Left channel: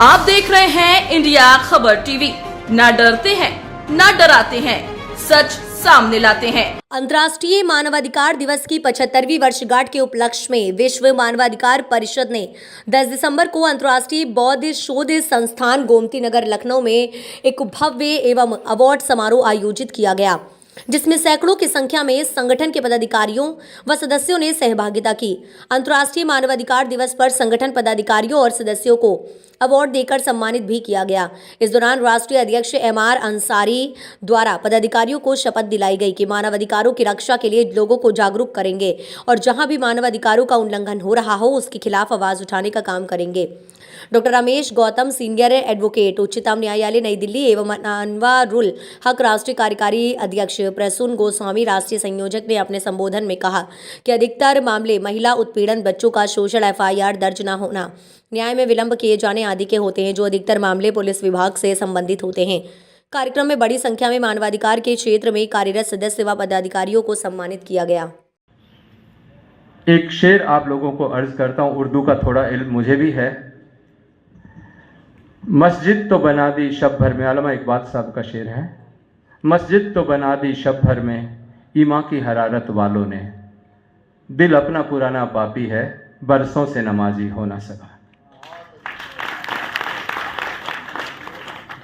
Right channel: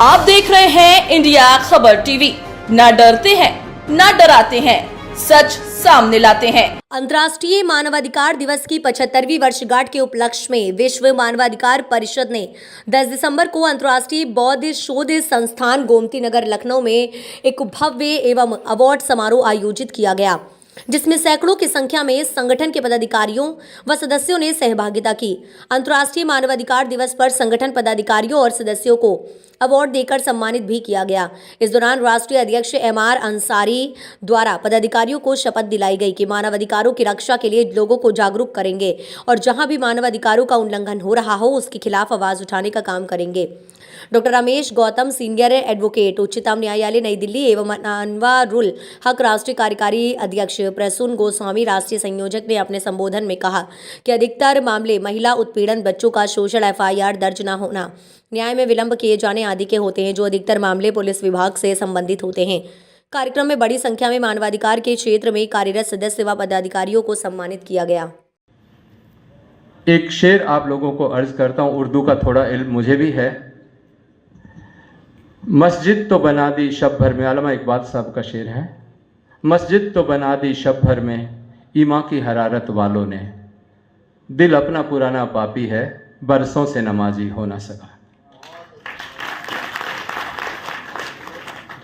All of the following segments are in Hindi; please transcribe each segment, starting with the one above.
आप देख रहे हैं इंडिया खबर टीवी। ना डरते हैं, ना डराते हैं, सच सामने लाते हैं। अंतर्राष्ट्रीय मानवाधिकार दिवस की 75वीं वर्षगांठ के उपलक्ष्य में विश्व मानवाधिकार परिषद ने 10 दिसंबर को अंतर्राष्ट्रीय बौद्ध शोध संस्थान गोमती नगर लखनऊ में एक भव्य एवं अवार्ड समारोह आयोजित किया गया, जिसमें सैकड़ों की संख्या में संगठन के पदाधिकारियों व सदस्यों ने सहभागिता की। अंतर्राष्ट्रीय मानवाधिकार दिवस पर संगठन पदाधिकारियों और सदस्यों को अवार्ड देकर सम्मानित भी किया गया। इस दौरान राष्ट्रीय अध्यक्ष MR अंसारी द्वारा पदाधिकारियों को शपथ दिलाई गई कि मानवाधिकारों की रक्षा के लिए लोगों को जागरूक करेंगे और जहां भी मानवाधिकारों का उल्लंघन हो रहा हो उसके खिलाफ आवाज उठाने का काम करेंगे। Doctor Ramesh Gautam, senior advocate, उच्चतम न्यायालय नई दिल्ली एवं अनवारुल हक राष्ट्रीय कार्यकारी अध्यक्ष प्रसून गोस्वामी राष्ट्रीय संयोजक ने अपने संबोधन में कहा कि अधिकतर मामले महिला उत्पीड़न, बच्चों का शोषण, FIR दर्ज न होना, न्याय में विलंब किए जाने आदि के होते हैं, जो अधिकतर मामले पुलिस विभाग से संबंधित होते हैं। कार्यक्रम में बड़ी संख्या में मानवाधिकार के क्षेत्र में कार्यरत सदस्य व पदाधिकारियों को सम्मानित किया गया। एक शेर आप लोगों को अर्ज करता हूँ, उर्दू का थोड़ा इल्म मुझे भी है। मस्जिद तो बना दी शब भर में, अल्लामा इकबाल साहब का शेर है। मस्जिद तो बना दी शब भर में ईमान की हरारत वालों ने, दिल अपना पुराना पापी है, बरसों से नमाजी हो ना सका।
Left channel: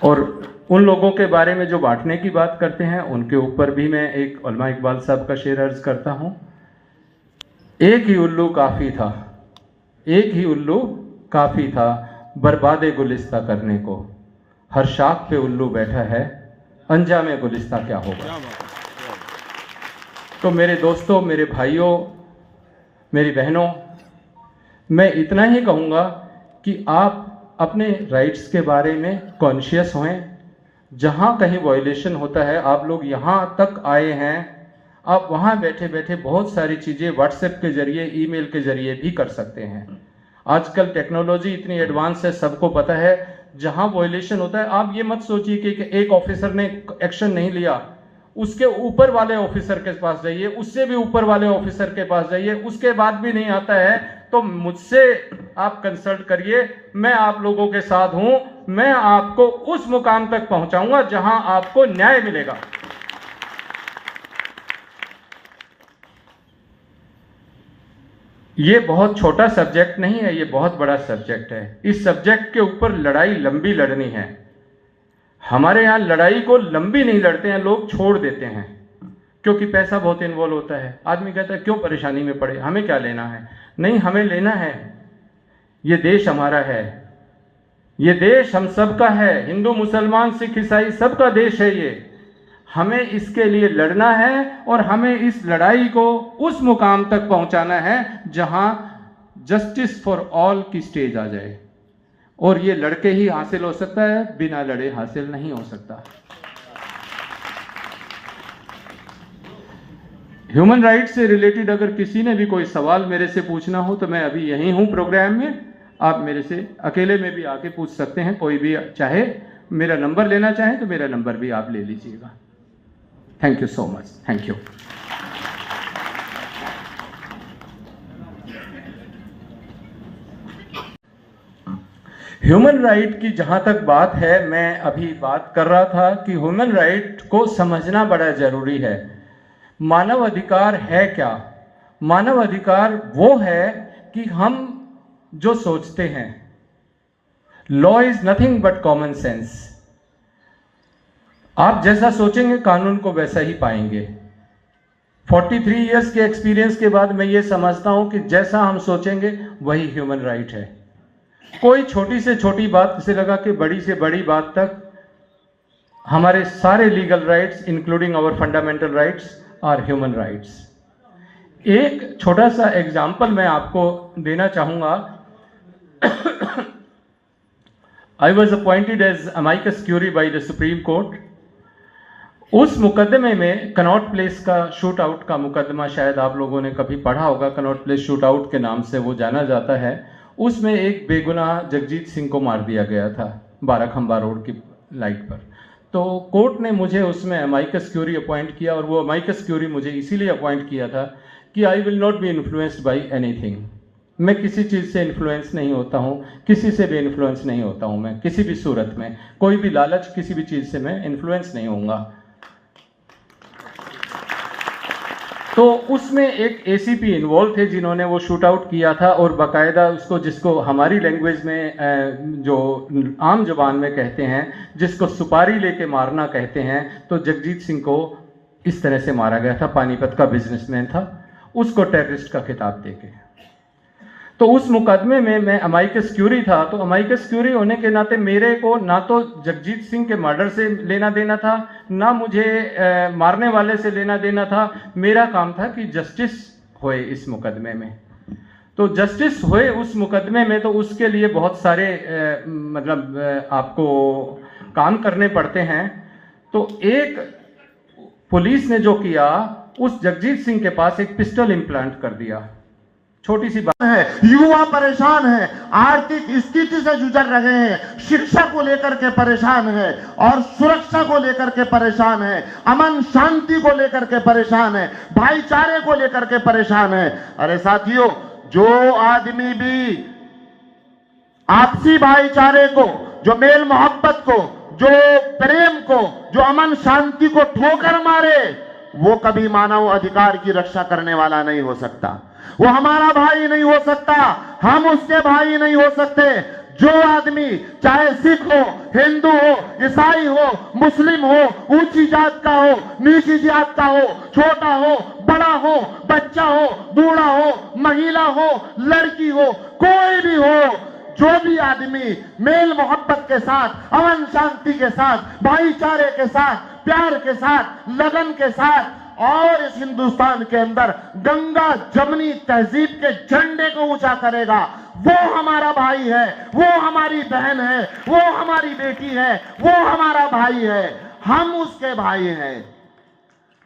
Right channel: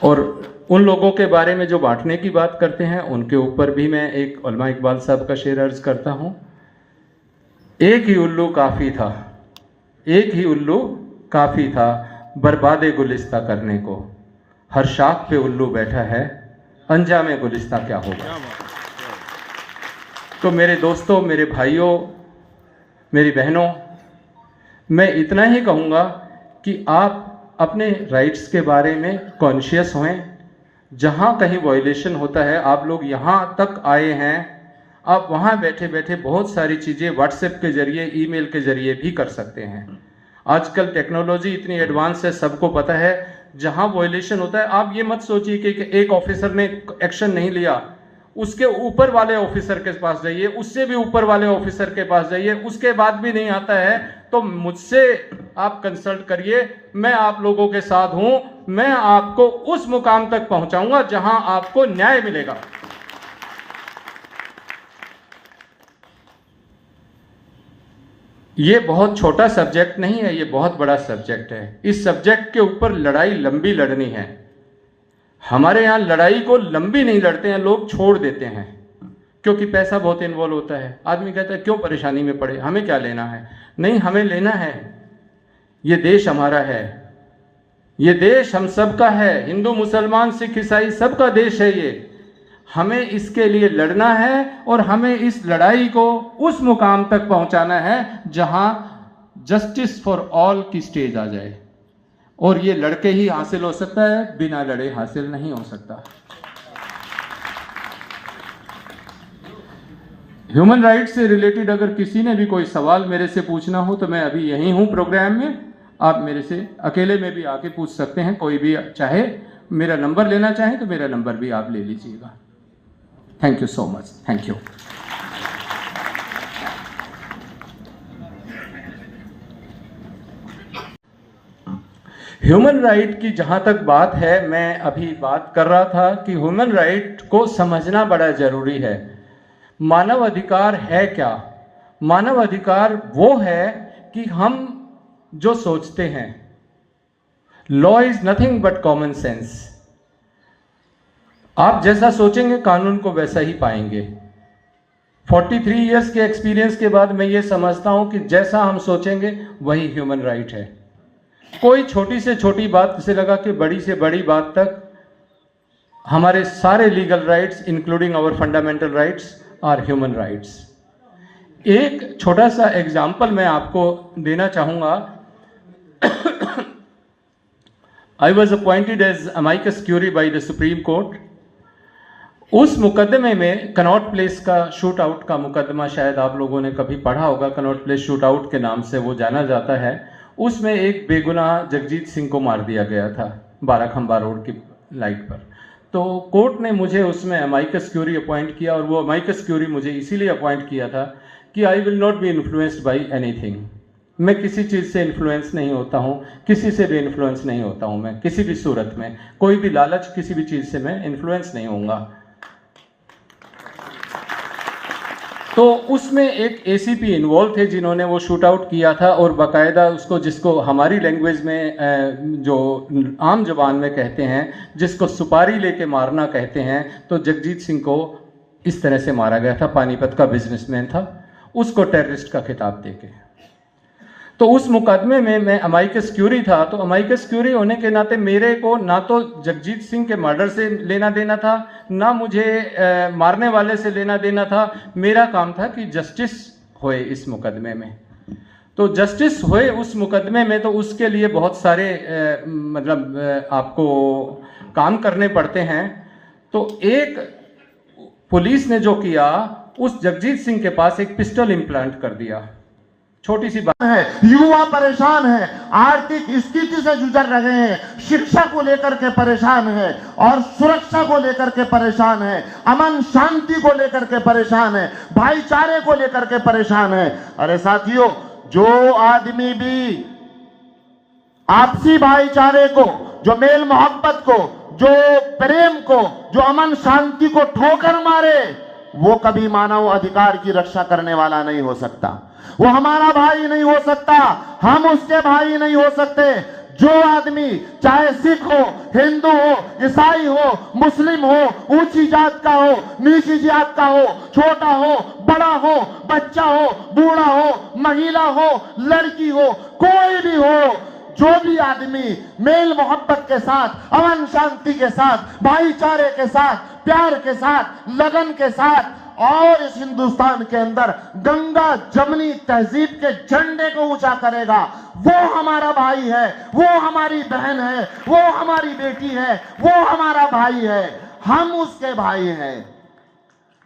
और उन लोगों के बारे में जो बांटने की बात करते हैं उनके ऊपर भी मैं एक अल्लामा इकबाल साहब का शेर अर्ज करता हूँ। एक ही उल्लू काफ़ी था, एक ही उल्लू काफ़ी था बर्बादे गुलिस्ता करने को, हर शाख पे उल्लू बैठा है, अंजामे गुलिस्ता क्या होगा। तो मेरे दोस्तों, मेरे भाइयों, मेरी बहनों, मैं इतना ही कहूँगा कि आप अपने राइट्स के बारे में कॉन्शियस हों। जहाँ कहीं वायलेशन होता है, आप लोग यहाँ तक आए हैं, आप वहाँ बैठे बैठे बहुत सारी चीज़ें व्हाट्सएप के जरिए, ईमेल के जरिए भी कर सकते हैं। आजकल टेक्नोलॉजी इतनी एडवांस है, सबको पता है। जहाँ वायलेशन होता है, आप ये मत सोचिए कि एक ऑफिसर ने एक्शन नहीं लिया, उसके ऊपर वाले ऑफिसर के पास जाइए, उससे भी ऊपर वाले ऑफिसर के पास जाइए, उसके बाद भी नहीं आता है तो मुझसे आप कंसल्ट करिए। मैं आप लोगों के साथ हूं, मैं आपको उस मुकाम तक पहुंचाऊंगा जहां आपको न्याय मिलेगा। ये बहुत छोटा सब्जेक्ट नहीं है, ये बहुत बड़ा सब्जेक्ट है। इस सब्जेक्ट के ऊपर लड़ाई लंबी लड़नी है। हमारे यहाँ लड़ाई को लंबी नहीं लड़ते हैं, लोग छोड़ देते हैं क्योंकि पैसा बहुत इन्वॉल्व होता है। आदमी कहता है क्यों परेशानी में पड़े, हमें क्या लेना है। नहीं, हमें लेना है। ये देश हमारा है, ये देश हम सबका है, हिंदू मुसलमान सिख ईसाई सबका देश है ये। हमें इसके लिए लड़ना है और हमें इस लड़ाई को उस मुकाम तक पहुंचाना है जहां जस्टिस फॉर ऑल की स्टेज आ जाए। और ये लड़के ही हासिल हो सकता है, बिना लड़े हासिल नहीं हो सकता। ह्यूमन राइट्स से रिलेटेड अगर किसी ने भी कोई सवाल मेरे से पूछना हो तो मैं अभी यहीं हूं प्रोग्राम में। आप मेरे से अकेले में भी आके पूछ सकते हैं, कोई भी चाहे मेरा नंबर लेना चाहे तो मेरा नंबर भी आप ले लीजिएगा। Thank you so much. Thank you. Human right की जहां तक बात है, मैं अभी बात कर रहा था कि ह्यूमन राइट को समझना बड़ा जरूरी है। मानव अधिकार है क्या? मानव अधिकार वो है कि हम जो सोचते हैं, law is nothing but common sense. आप जैसा सोचेंगे कानून को वैसा ही पाएंगे। 43 इयर्स के एक्सपीरियंस के बाद मैं ये समझता हूं कि जैसा हम सोचेंगे वही ह्यूमन राइट है। कोई छोटी से छोटी बात से लगा कि बड़ी से बड़ी बात तक हमारे सारे legal rights including our fundamental rights are human rights. एक छोटा सा एग्जाम्पल मैं आपको देना चाहूंगा। I was appointed as amicus curiae by the Supreme Court. उस मुकदमे में कनॉट प्लेस का शूट आउट का मुकदमा, शायद आप लोगों ने कभी पढ़ा होगा, कनॉट प्लेस शूट आउट के नाम से वो जाना जाता है। उसमें एक बेगुनाह जगजीत सिंह को मार दिया गया था 12 खंबा रोड की लाइट पर। तो कोर्ट ने मुझे उसमें अमाइकस क्यूरी अपॉइंट किया, और वो अमाइकस क्यूरी मुझे इसीलिए अपॉइंट किया था कि I will not be influenced by anything. मैं किसी चीज़ से इन्फ्लुएंस नहीं होता हूँ, किसी से भी इन्फ्लुएंस नहीं होता हूँ। मैं किसी भी सूरत में कोई भी लालच, किसी भी चीज़ से मैं इन्फ्लुएंस नहीं होऊंगा। तो उसमें एक एसीपी इन्वॉल्व थे जिन्होंने वो शूट आउट किया था, और बाकायदा उसको, जिसको हमारी लैंग्वेज में जो आम जुबान में कहते हैं, जिसको सुपारी लेके मारना कहते हैं, तो जगजीत सिंह को इस तरह से मारा गया था। पानीपत का बिजनेसमैन था, उसको टेररिस्ट का खिताब देके। तो उस मुकदमे में मैं अमाइकस क्यूरी था, तो अमाइकस क्यूरी होने के नाते मेरे को ना तो जगजीत सिंह के मर्डर से लेना देना था, ना मुझे मारने वाले से लेना देना था। मेरा काम था कि जस्टिस होए इस मुकदमे में। तो जस्टिस होए उस मुकदमे में, तो उसके लिए बहुत सारे आपको काम करने पड़ते हैं। तो एक पुलिस ने जो किया, उस जगजीत सिंह के पास एक पिस्टल इम्प्लांट कर दिया। छोटी सी बात है, युवा परेशान है, आर्थिक स्थिति से गुजर रहे हैं, शिक्षा को लेकर के परेशान है और सुरक्षा को लेकर के परेशान है, अमन शांति को लेकर के परेशान है, भाईचारे को लेकर के परेशान है। अरे साथियों, जो आदमी भी आपसी भाईचारे को, जो मेल मोहब्बत को, जो प्रेम को, जो अमन शांति को ठोकर मारे, वो कभी मानव अधिकार की रक्षा करने वाला नहीं हो सकता। वो हमारा भाई नहीं हो सकता, हम उसके भाई नहीं हो सकते। जो आदमी, चाहे सिख हो, हिंदू हो, ईसाई हो, मुस्लिम हो, ऊंची जात का हो, नीची जात का हो, छोटा हो, बड़ा हो, बच्चा हो, बूढ़ा हो, महिला हो, लड़की हो, कोई भी हो, जो भी आदमी मेल मोहब्बत के साथ, अमन शांति के साथ, भाईचारे के साथ, प्यार के साथ, लगन के साथ, और इस हिंदुस्तान के अंदर गंगा जमनी तहजीब के झंडे को ऊंचा करेगा, वो हमारा भाई है, वो हमारी बहन है, वो हमारी बेटी है, वो हमारा भाई है, हम उसके भाई हैं।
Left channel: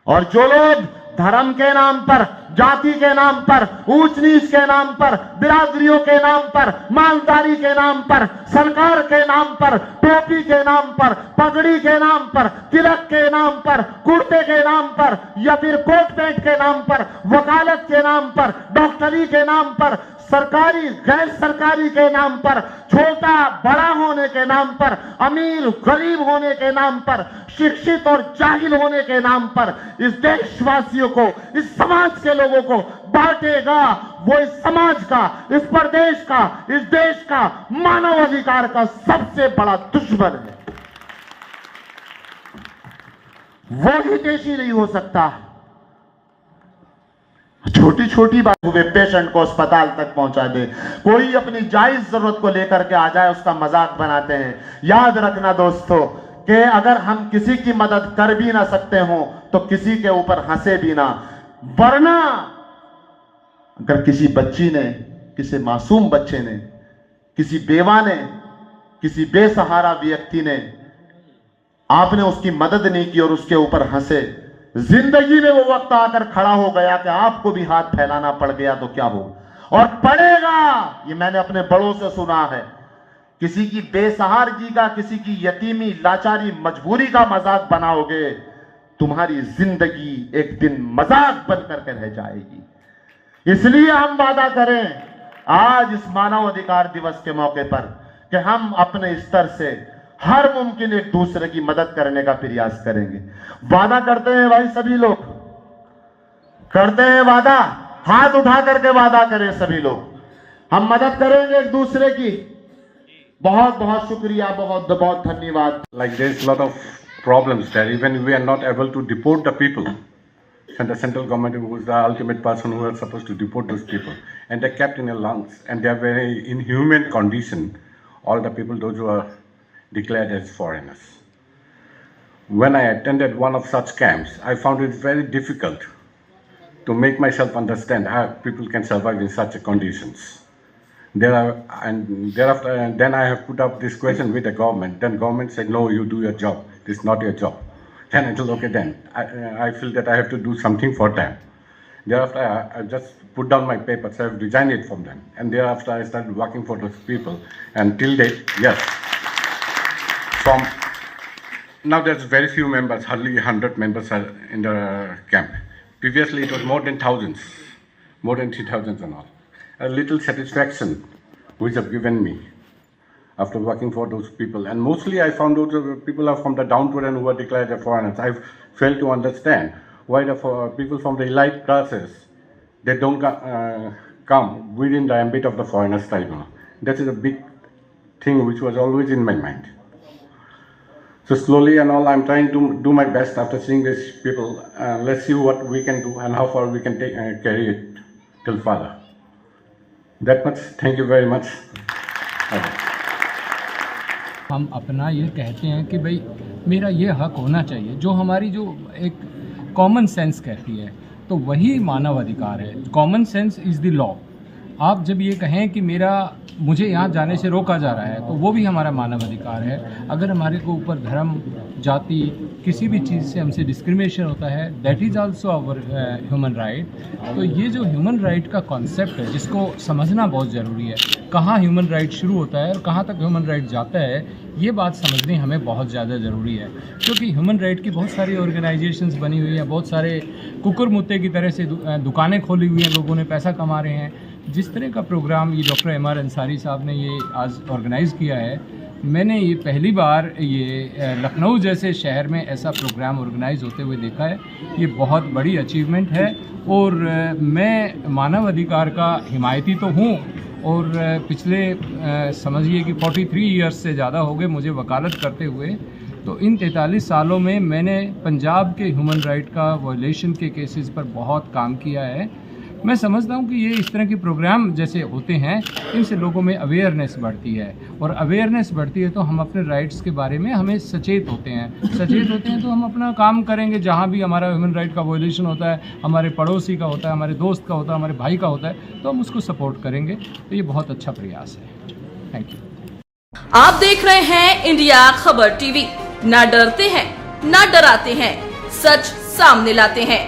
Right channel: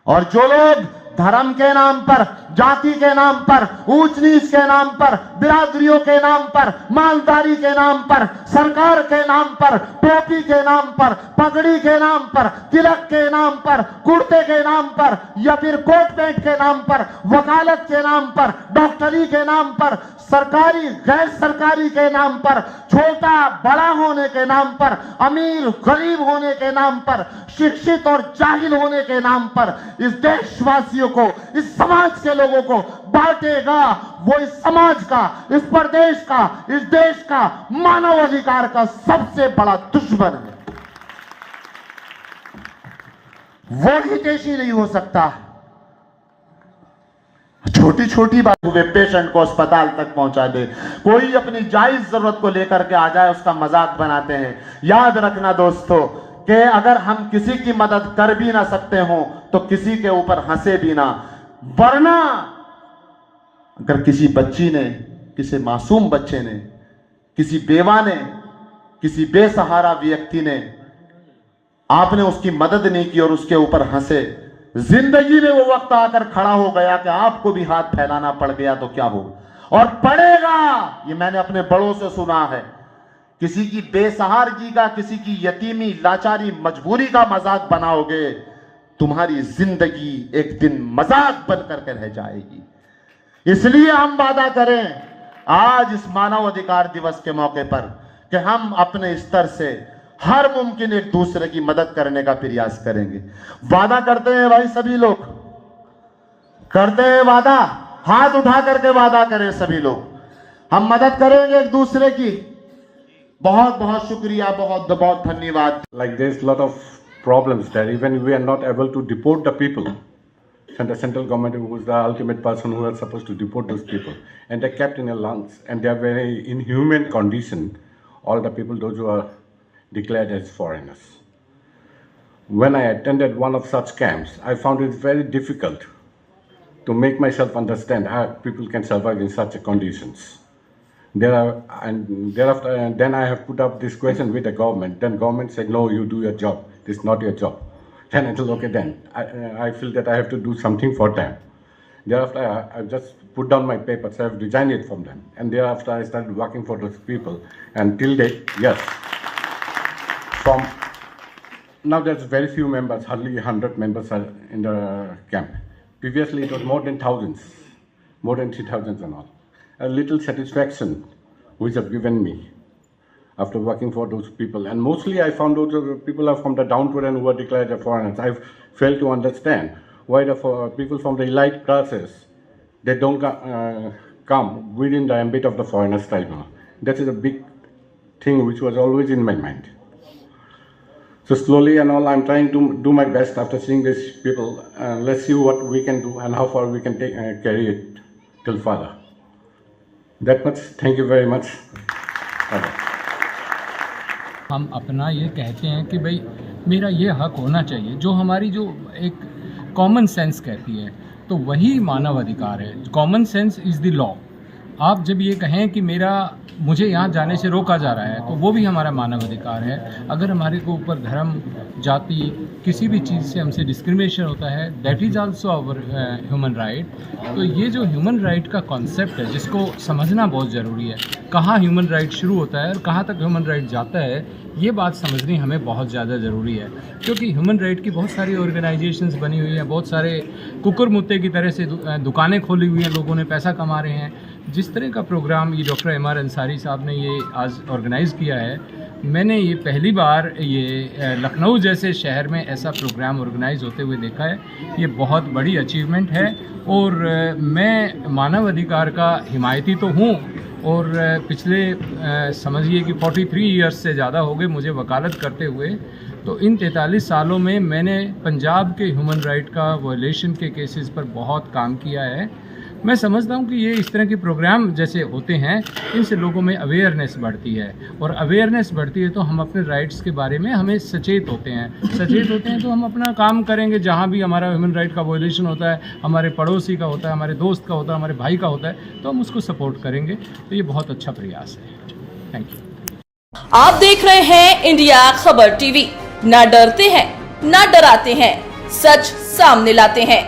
और जो लोग धर्म के नाम पर, जाति के नाम पर, ऊंच नीच के नाम पर, बिरादरियों के नाम पर, मालदारी के नाम पर, सरकार के नाम पर, टोपी के नाम पर, पगड़ी के नाम पर, तिलक के नाम पर, कुर्ते के नाम पर, या फिर कोट पैंट के नाम पर, वकालत के नाम पर, डॉक्टरी के नाम पर, सरकारी गैर सरकारी के नाम पर, छोटा बड़ा होने के नाम पर, अमीर गरीब होने के नाम पर, शिक्षित और जाहिल होने के नाम पर इस देशवासियों को, इस समाज के लोगों को बांटेगा, वो इस समाज का, इस प्रदेश का, इस देश का, मानव अधिकार का सबसे बड़ा दुश्मन है। वो ही देशी नहीं हो सकता। छोटी छोटी बातों पे पेशेंट को अस्पताल तक पहुंचा दे, कोई अपनी जायज जरूरत को लेकर के आ जाए, उसका मजाक बनाते हैं। याद रखना दोस्तों कि अगर हम किसी की मदद कर भी ना सकते हो तो किसी के ऊपर हंसे भी ना, वरना अगर किसी बच्ची ने, किसी मासूम बच्चे ने, किसी बेवा ने, किसी बेसहारा व्यक्ति ने, आपने उसकी मदद नहीं की और उसके ऊपर हंसे, जिंदगी में वो वक्त आकर खड़ा हो गया कि आपको भी हाथ फैलाना पड़ गया तो क्या हो, और पड़ेगा। ये मैंने अपने बड़ों से सुना है। किसी की बेसहारगी का, किसी की यतीमी, लाचारी, मजबूरी का मजाक बनाओगे, तुम्हारी जिंदगी एक दिन मजाक बन करके रह जाएगी। इसलिए हम वादा करें आज इस मानव अधिकार दिवस के मौके पर कि हम अपने स्तर से हर मुमकिन एक दूसरे की मदद करने का प्रयास करेंगे। वादा करते हैं भाई, सभी लोग करते हैं वादा, हाथ उठा करके वादा करें सभी लोग, हम मदद करेंगे एक दूसरे की। बहुत बहुत शुक्रिया, बहुत बहुत धन्यवाद। Like there's a lot of problems there. Even we are not able to deport the people. And the central government was the ultimate person who was supposed to deport those people. And they're kept in a lungs. And they're very inhuman condition. All the people, those who are declared as foreigners. When I attended one of such camps, I found it very difficult to make myself understand how people can survive in such conditions. Thereafter, then I have put up this question with the government. Then government said, no, you do your job. This is not your job. Then I told, okay, then I feel that I have to do something for them. Thereafter, I just put down my papers. I have resigned it from them. And thereafter, I started working for those people. And till date, yes. From now, there's very few members, hardly 100 members are in the camp. Previously, it was more than thousands, more than 3,000 and all. a little satisfaction which have given me after working for those people. And mostly I found out that people are from the downward and who are declared as foreigners. I failed to understand why the people from the elite classes, they don't come within the ambit of the foreigners tribunal. That is a big thing which was always in my mind. So slowly and all, I'm trying to do my best after seeing these people. Let's see what we can do and how far we can take, carry it till further. That much. Thank you very much. Bye-bye. हम अपना ये कहते हैं कि भाई मेरा ये हक होना चाहिए, जो हमारी जो एक कॉमन सेंस कहती है, तो वही मानव अधिकार है। Common sense is the law. आप जब ये कहें कि मुझे यहाँ जाने से रोका जा रहा है, तो वो भी हमारा मानव अधिकार है। अगर हमारे को ऊपर धर्म, जाति, किसी भी चीज़ से हमसे डिस्क्रिमिनेशन होता है, that is also our human right. तो ये जो ह्यूमन राइट का कॉन्सेप्ट है, जिसको समझना बहुत ज़रूरी है, कहाँ ह्यूमन राइट शुरू होता है और कहाँ तक ह्यूमन राइट जाता है, ये बात समझनी हमें बहुत ज़्यादा ज़रूरी है। क्योंकि ह्यूमन राइट की बहुत सारी ऑर्गेनाइजेशंस बनी हुई हैं, बहुत सारे कुकुर मुत्ते की तरह से दुकानें खोली हुई हैं, लोगों ने पैसा कमा रहे हैं। जिस तरह का प्रोग्राम ये डॉक्टर एम आर अंसारी साहब ने ये आज ऑर्गेनाइज़ किया है, मैंने ये पहली बार ये लखनऊ जैसे शहर में ऐसा प्रोग्राम ऑर्गेनाइज होते हुए देखा है। ये बहुत बड़ी अचीवमेंट है और मैं मानव अधिकार का हिमायती तो हूँ और पिछले समझिए कि 43 ईयर्स से ज़्यादा हो गए मुझे वकालत करते हुए। तो इन 43 सालों में मैंने पंजाब के ह्यूमन राइट का वायलेशन के केसेस पर बहुत काम किया है। मैं समझता हूँ कि ये इस तरह के प्रोग्राम जैसे होते हैं, इनसे लोगों में अवेयरनेस बढ़ती है और अवेयरनेस बढ़ती है तो हम अपने राइट्स के बारे में हमें सचेत होते हैं तो हम अपना काम करेंगे। जहाँ भी हमारा ह्यूमन राइट का वायलेशन होता है, हमारे पड़ोसी का होता है, हमारे दोस्त का होता है, हमारे भाई का होता है, तो हम उसको सपोर्ट करेंगे। तो ये बहुत अच्छा प्रयास है। Thank you. आप देख रहे हैं इंडिया खबर टीवी। ना डरते हैं, ना डराते हैं, सच सामने लाते हैं।